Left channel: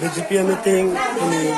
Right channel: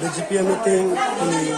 BJP meeting ini.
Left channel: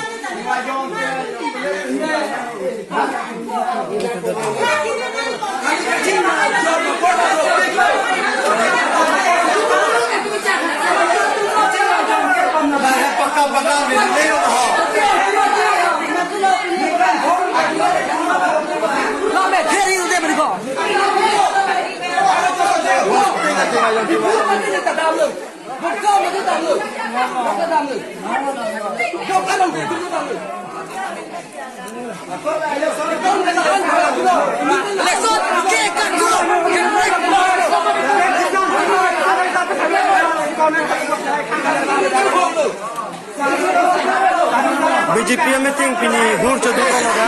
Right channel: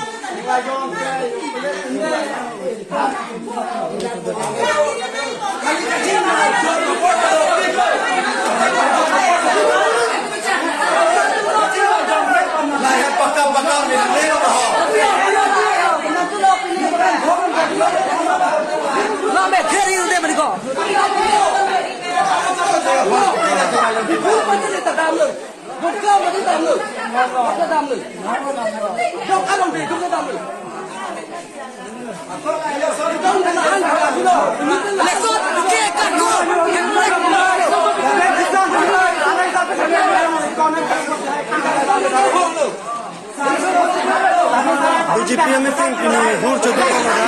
BJP meeting pini hur chodok loga.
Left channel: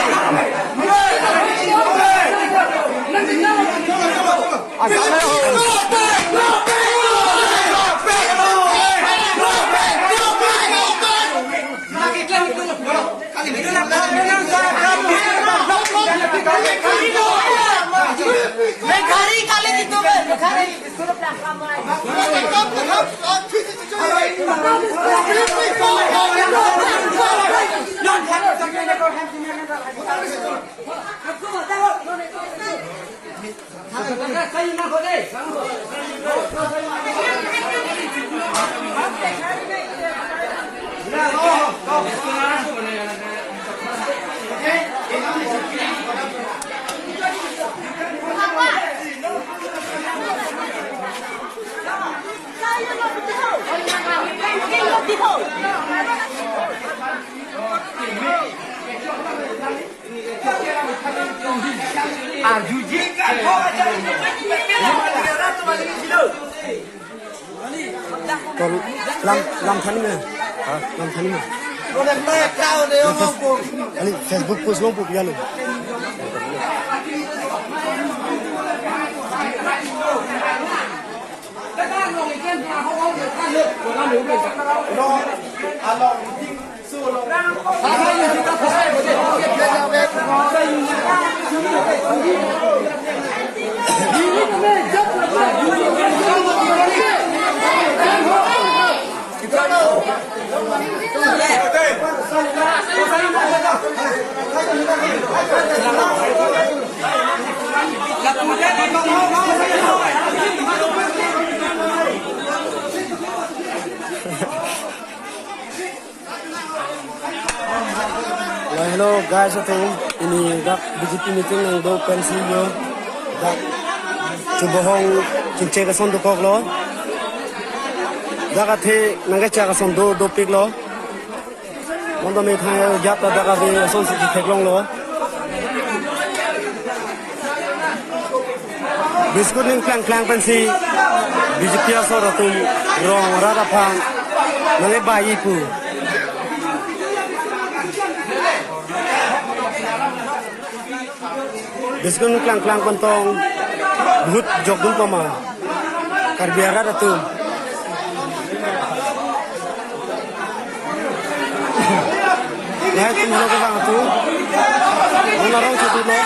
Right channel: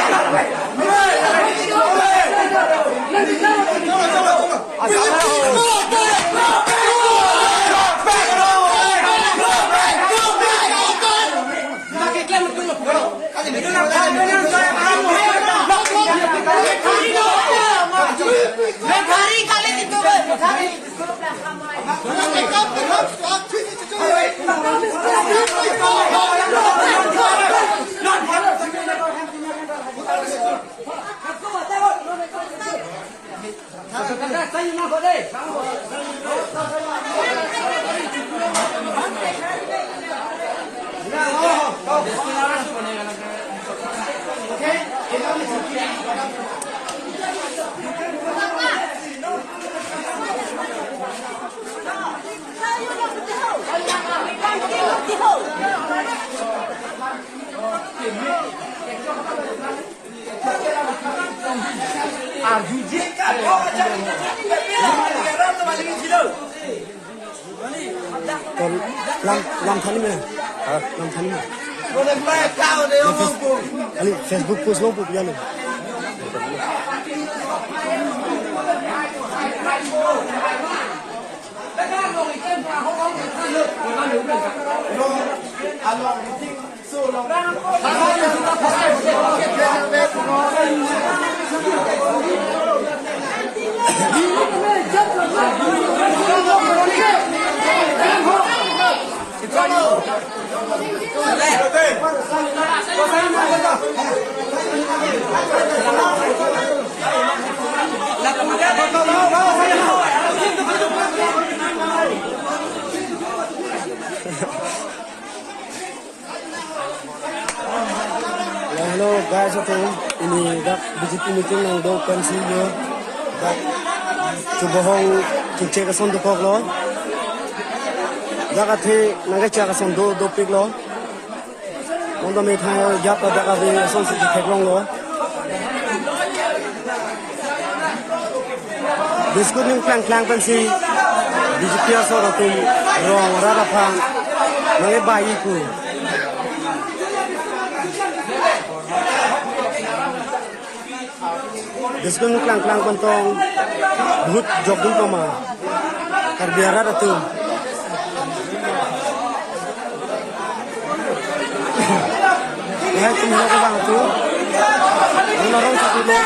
Làm thánh nè, làm thánh nè. Anh Facebook post long post vậy nè. Hello guys, ini dak BJP meeting ng do pensilyo dak chubohong kinche ka son do kok lo dak athe nanga cha ka son do pik lo mondo me thai yap ta dak ave son si thek long lo biskut ning klang pensi BJP so ro tum rong ra ra phan nange bai pu Biskun klang pentong but jok dun koma karbiara datu Hai tumlo ko bang tu Ono satu lo